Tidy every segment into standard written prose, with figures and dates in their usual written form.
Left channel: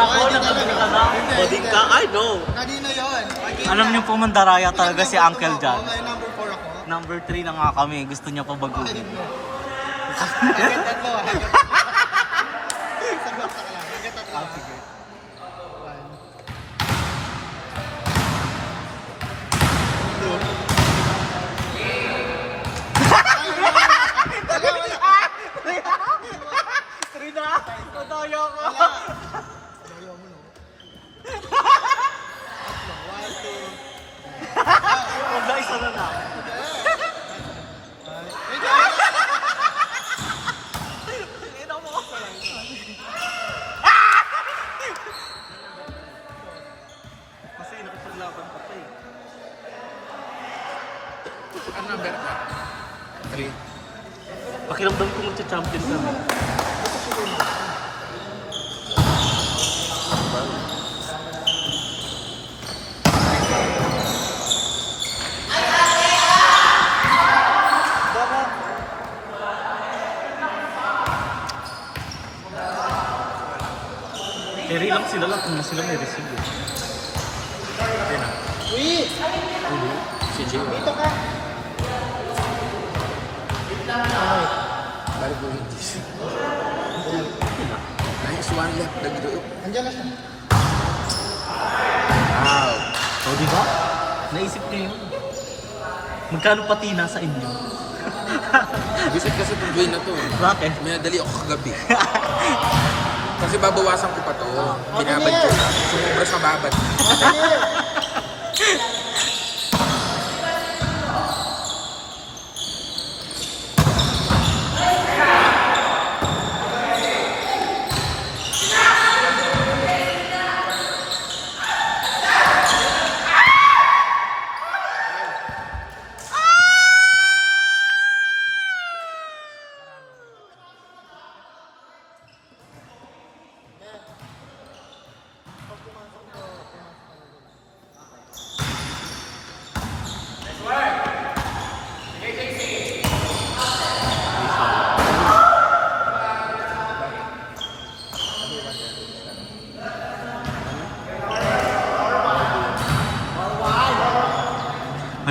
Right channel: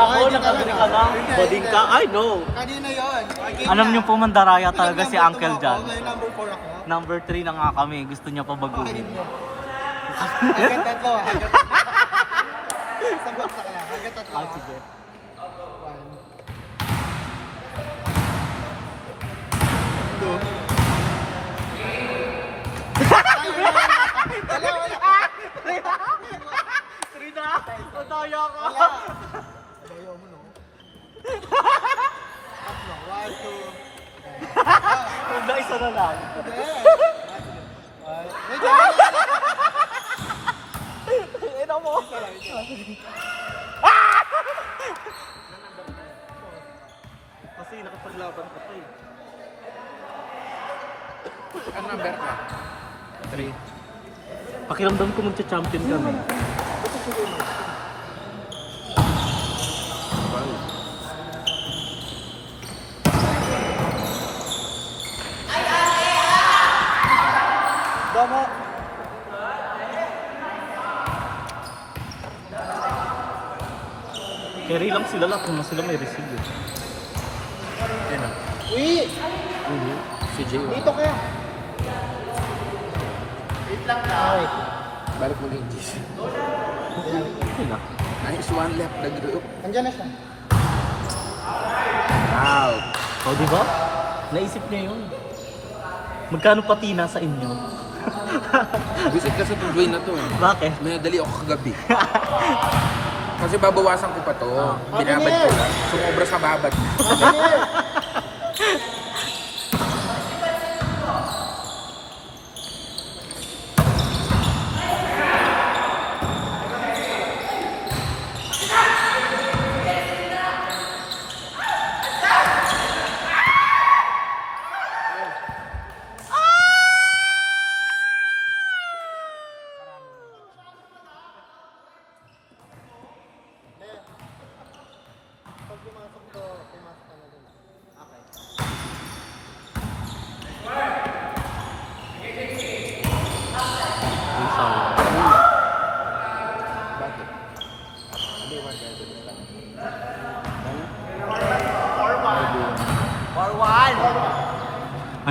ako, nakabili ka lang. Bading ka, I know. Kanina yun. Alam niyo po, mandaraya talaga si Uncle John. Number 4 ako. Number 3 na nga kami, gusto niya pa baguhin. Ah, sige. Rina, madaya ka. Huwag na isa na lang. Ina mo. Kasi nakipaglaban ka pa eh. Ang number ka? 3. Pakiramdam ko magcha-champion ka na. Carry lang sila lang kung sila may receive eh. Uy! Si Jay. Dito ka! Wait lang na. Balik mo yung dish. Nice one left the group. Andiyan na siya. Wow. O, diba? Naisip niya yun. Magkano patina sa inyo? Visit kasi pag game na to. Bakit? May nadali ako kagabi. Kasi babawasan ko pa to. Binabad ko lang. Sumobra sa babad.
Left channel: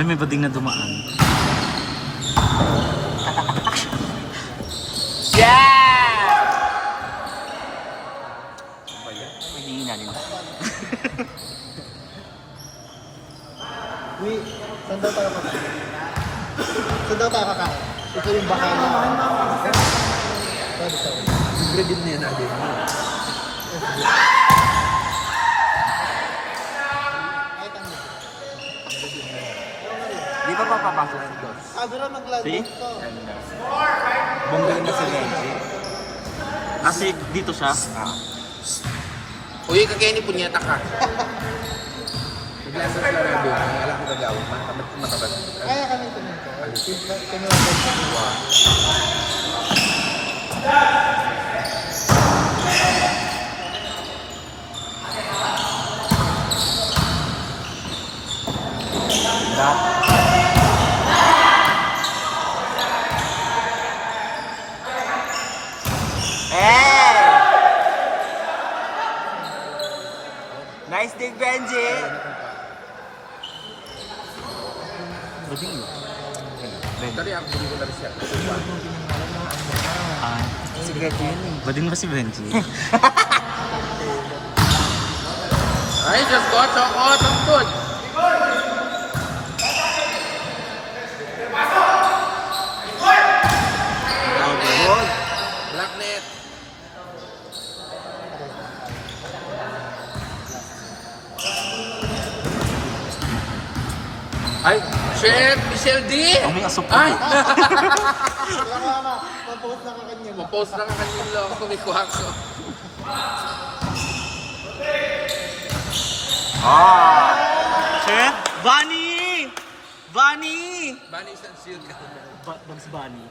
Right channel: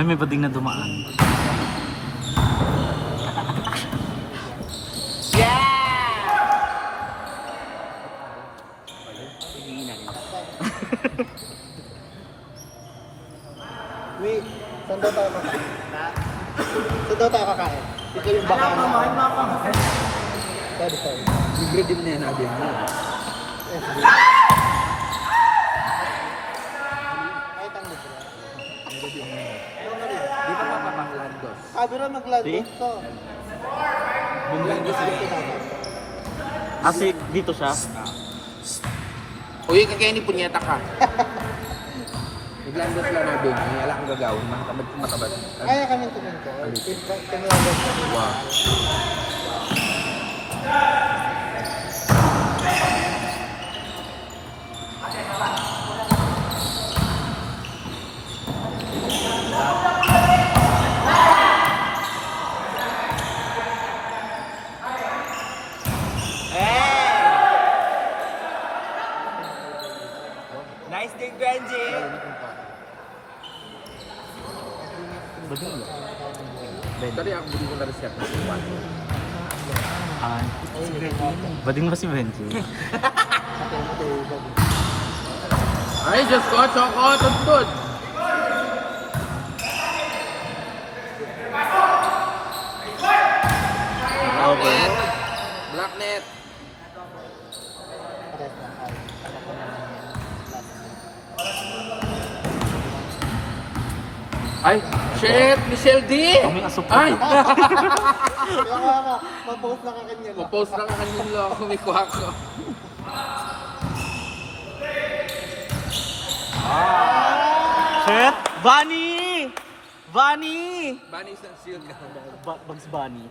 Ay, may bading na dumaan. Uy, saan daw tayo ka? Saan daw tayo ka? Ikaw yung baka na. Sabi. Libre din na yan natin. Di ba papapasok ang dos? Sabi na mag-live See? ko. Bumili na sila. Kasi dito siya. Uy, kakainin punyeta ka. Biglang doon sila nabi. Ang alam ko gagawin. Kaya kami pumunta. Nice dig, Benji! Bading yun. Ben. Dali ako hindi ko na-reset. Ah, bading ba si Benji? Ay, just got some food. Okay. Black net. Ay, shit! Michelle D! Kaming asop ko. Ay! Mapost na ka kanya nila ako ni Kuhako. Ah! Shit! Bunny! Bunny! Bunny isang seal ka. Bugs Bunny.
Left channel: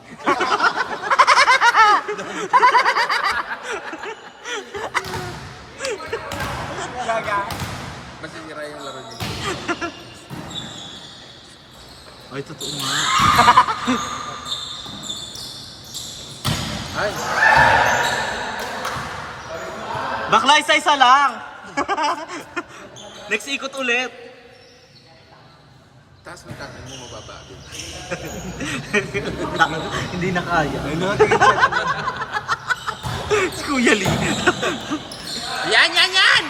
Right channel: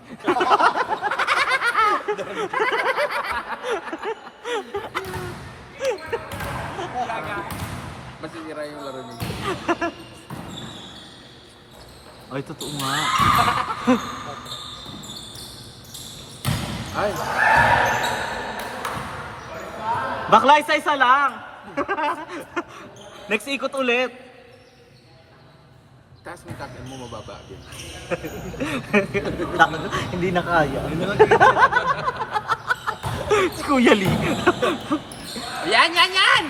Masisira yung laro niya. Ay, totoo nga. Ay! Bakla, isa-isa lang. Next ikot ulit. Tapos magkakaroon mo mababa din. Hindi na kaya. Si Kuya Lee. Yan, yan, yan!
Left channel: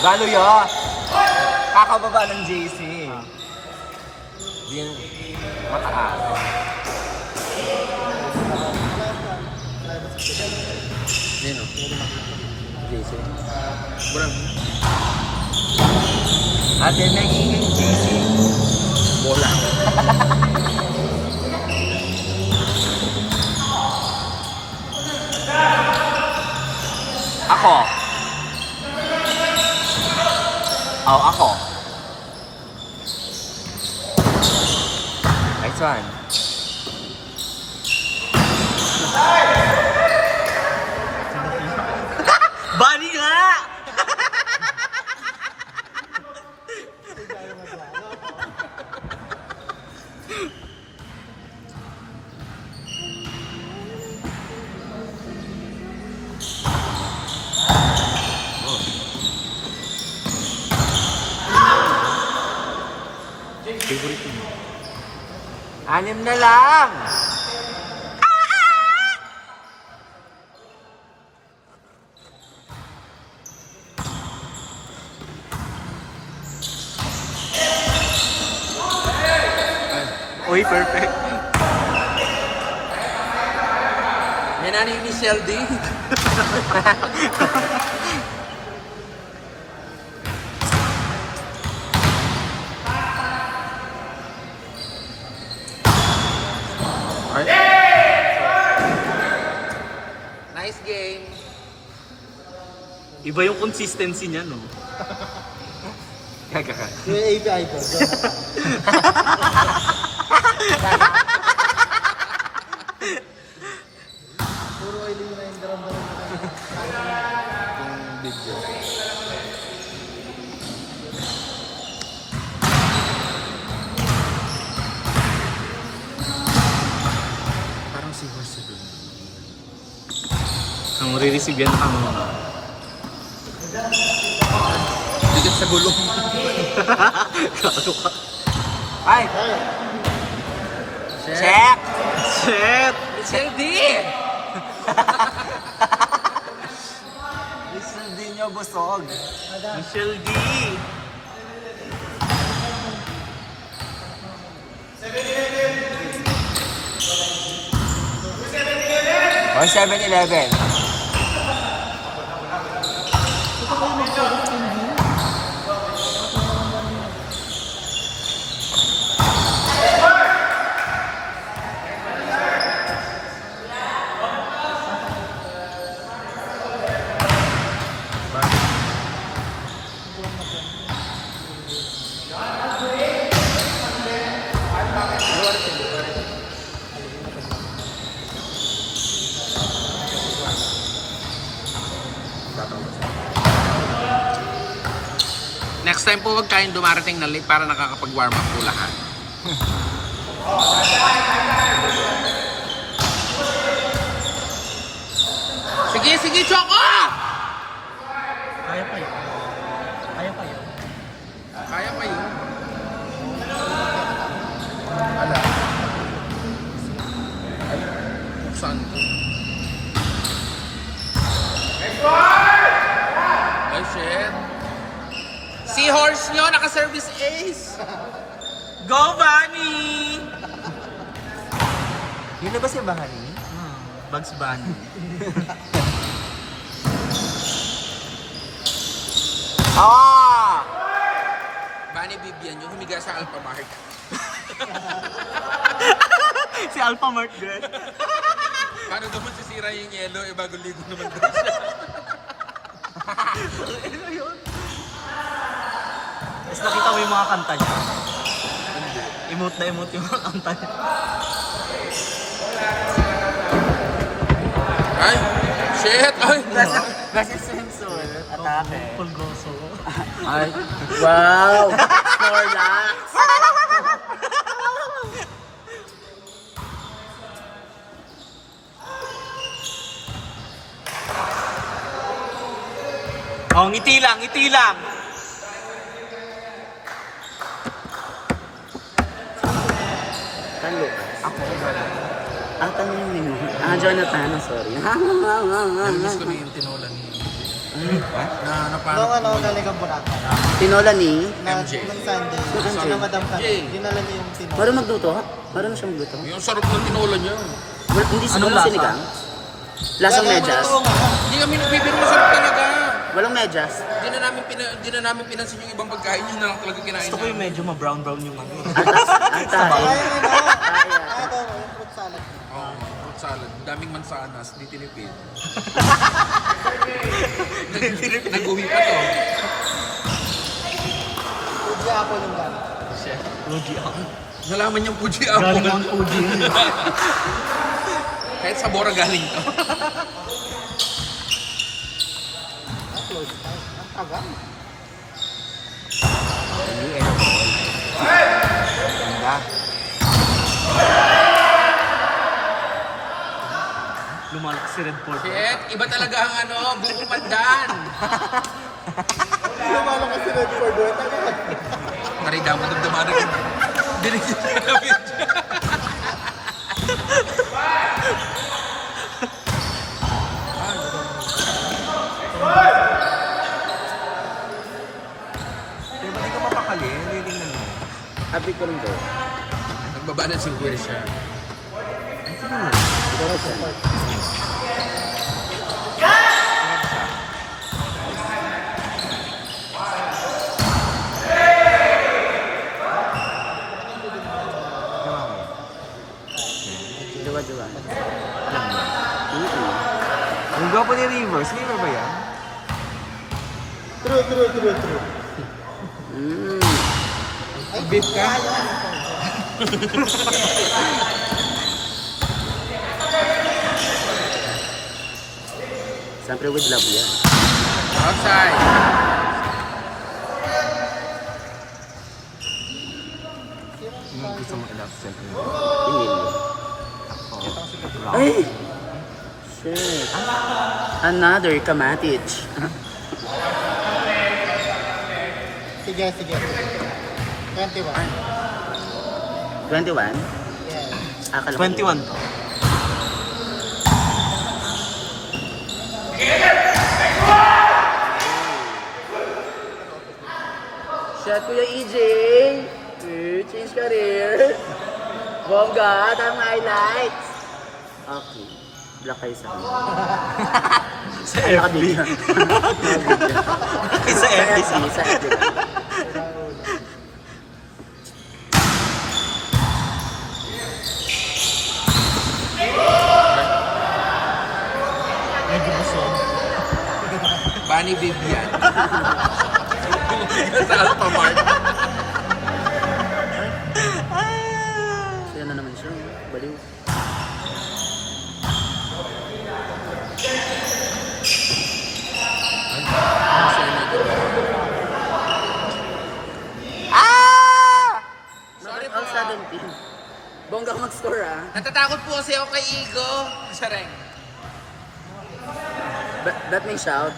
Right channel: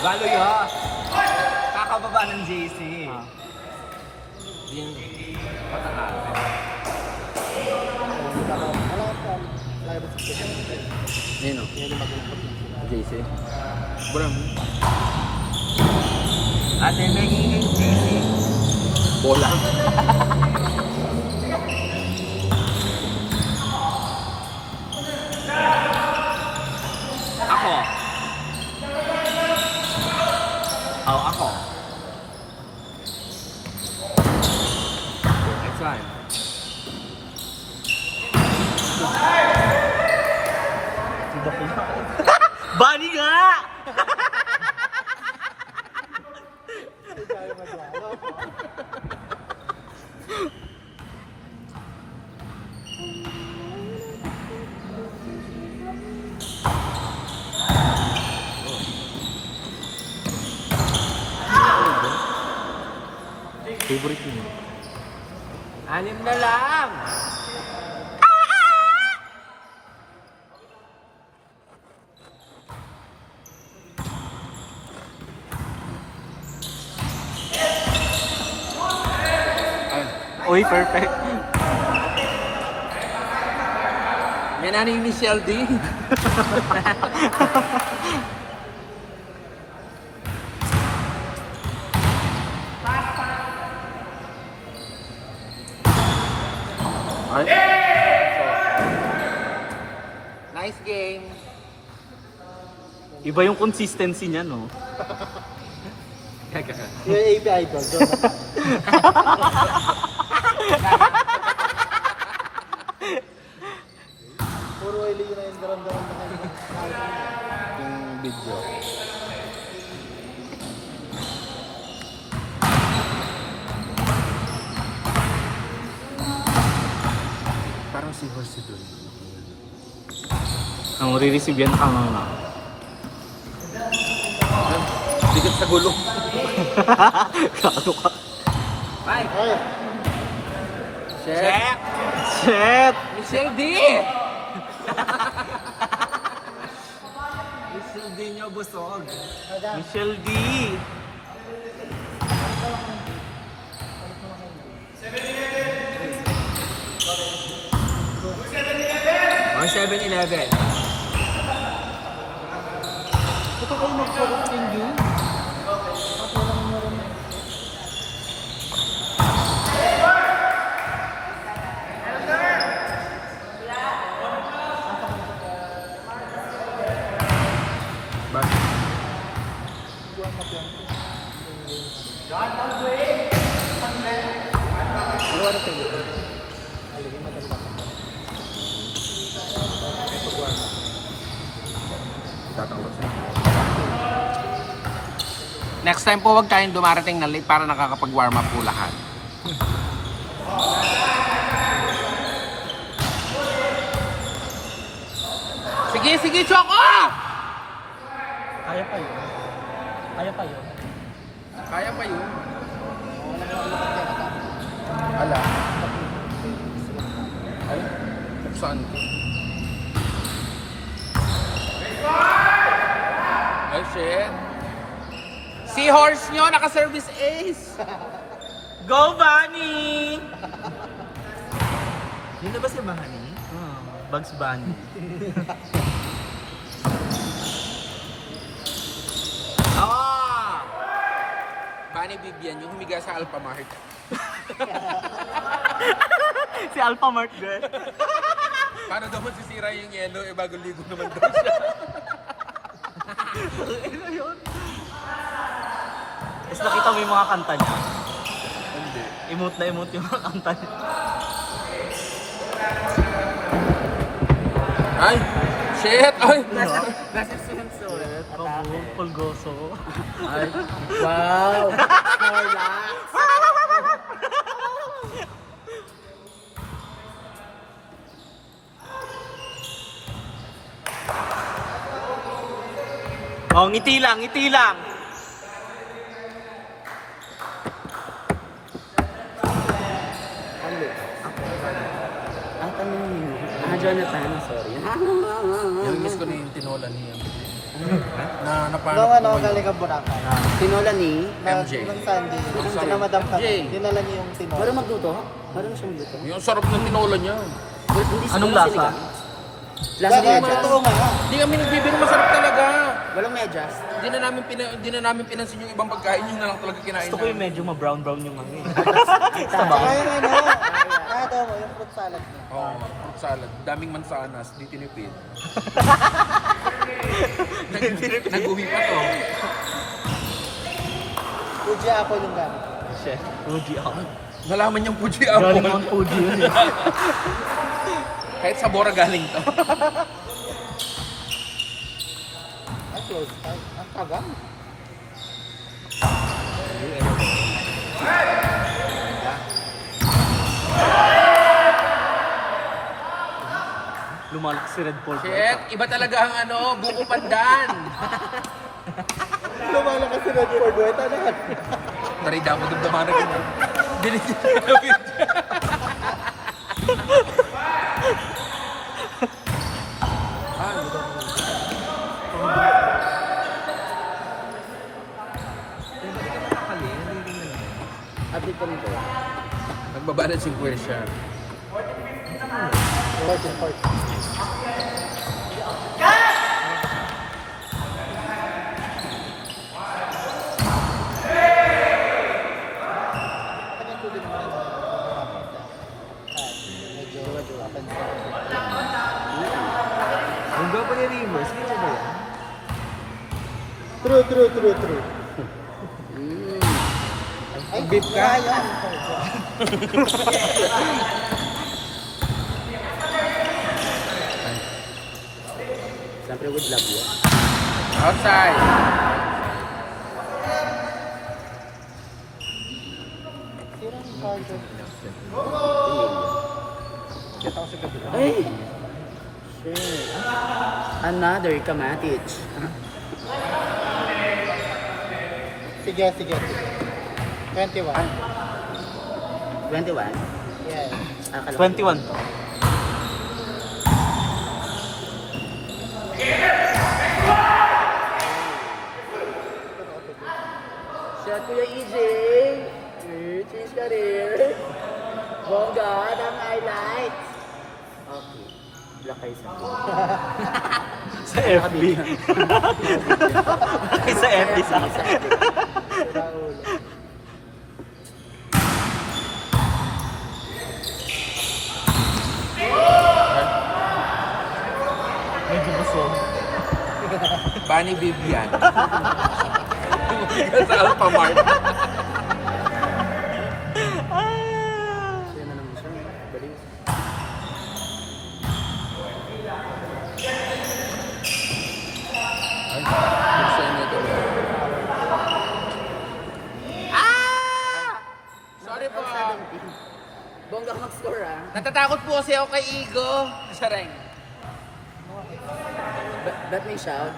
Gano yun? Kakababa ng JC. Din mataas. Yan. JC. Brang. Ate, next week JC. Bola. Ako. Oh, ako. Next one. Bali nga! Favorite mo? 6 na lang. Uy, perfect. Yan na ni Michelle D. Nice game. Iba yung consistency niya, no? Yung API ko. Puro oily yun na yung garam-garam yung video. Parang si Horse din. Ang marireceive yan ang... Bigat sa gulong. Kalo ka. Ay. Check. Shit! Michelle D. Michelle D nyo busog. Michelle D! 7-11. Next time po, wag tayong dumarating na late para nakakapag-warm up po lahat. Sige, sige, Choco! Kaya pa yun. Kaya pa yun. Kaya pa yun. Saan ko? Ay, shit. Seahorse nyo, naka-service ace! Go, Bunny! Yun na ba si Bahani? Bugs Bunny. Ah! Manny Bibian yung humiga sa Alphamart. Si Alpha Mart girl. Paano daw masisira yung yellow, eh bago ligo naman daw siya. Ano yun? Tapos nakita mo yung mga kanta niya. Emote na emote yung mga kanta niya. Ay! Shit! Ay! Kasi sensor. Atake. Pulgoso. Ay, wow! Snorlax! Oh, ngiti lang, ngiti lang. Saan Lucas? Ang tanong mo yun. Jonathan. Sorry. Miss ko na yung tinola ni... Na Nung ano, galing ang bunan. Tinola ni... MJ. Sunday. Sa Madam Kami. Dinala niya yung tinola. Marunong magluto? Marunong siya magluto? Yung sarap ng tinola niya. Hindi Anong walang lasa? sinigang? Lasang medyas? Hindi kami nagbibiro, masarap talaga. Walang medyas? Hindi na namin pinansin yung ibang pagkain, yun na lang talaga kinain. Gusto ko yung medyo ma-brown-brown yung ano eh. Ang tayo. Ay, ito, yung fruit salad. Fruit salad. Daming mansanas, di tinipid. Nag-uwi pa to. Fuji apple yung gano'n. Fuji ako. Nalaman yung Fuji Galing ang apple. Fuji yun eh. Kahit sa Bora galing to. Agang. Lumalaki si Red Bull. Shit, iba talaga ang ano, buko pandan. Ano kasi na for dueta na. Marida mo damdaman na kita. Binigyan siya na video. Happy ko rin ko. Nagbaba ng 50 siya. Jowa-jowa. Ang gwapo ni River. Sino ba yan? True. Nag-beef ka? Siyempre with love yan. Outside. Hindi. Ay! Shit. Another Kamatic. Sige. 21. 21? Yan. Akala 21 to. Shot Kuya EJ! Change career! Bongga! Tama highlights! Okay. Black kayo sa akin. Sa FB. Sa FB sa Sa FB. Medyo busog. Bunny Vivian. Sa Alphamart. Yan na naman siya. Baliw. Sorry po. All 17. Bongga mag-score ah. Natatakot po kasi ako kay Igo. Sareng. That may shout.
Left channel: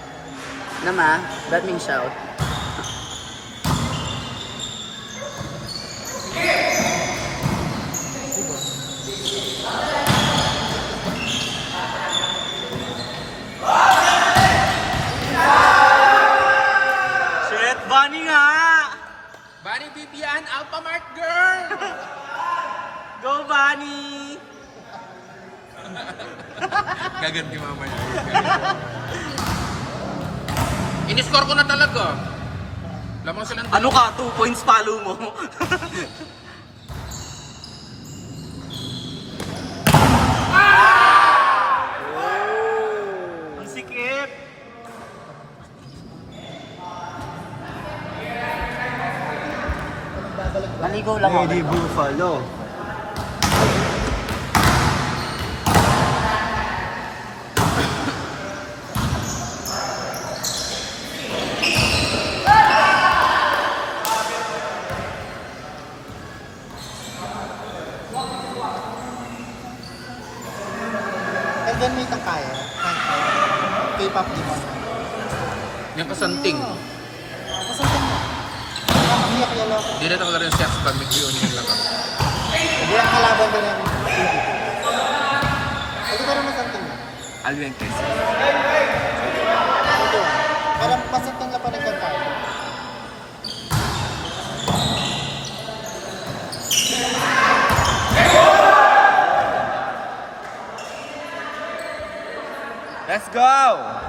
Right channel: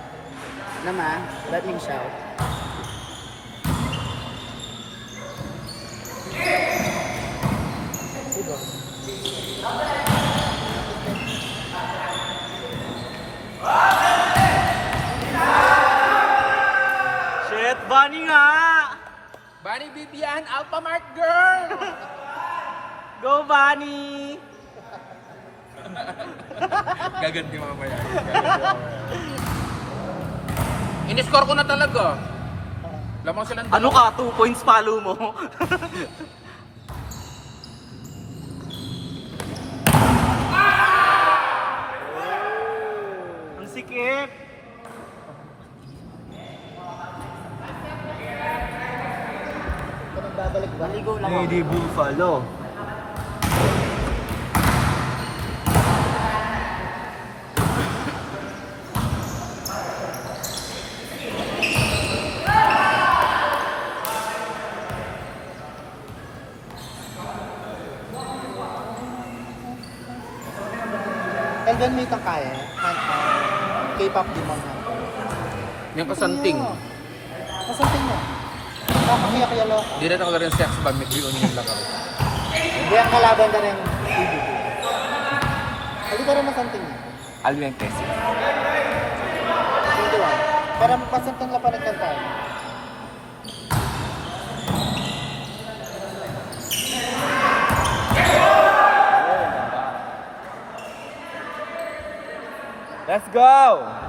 Nama, that may shout. Shit, Bunny nga! Bunny Vivian, Alphamart girl! Go, Bunny! Gaganti mamaya. In-score ko na talaga. Lamang silang Ano ka? 2 points follow mo. Ang sikip! Maligo lang ako. Hindi Buffalo. Tandaan mo itong kaya. K-pop din. May kasanting. Umiyak yan no? Di na talaga rin siya sa pag nag-reunion lang kami. Hindi ang kalaban na rin. Pwede ka rin masanting na. Alventes. Parang pasanting ka pa rin kanta. Let's go!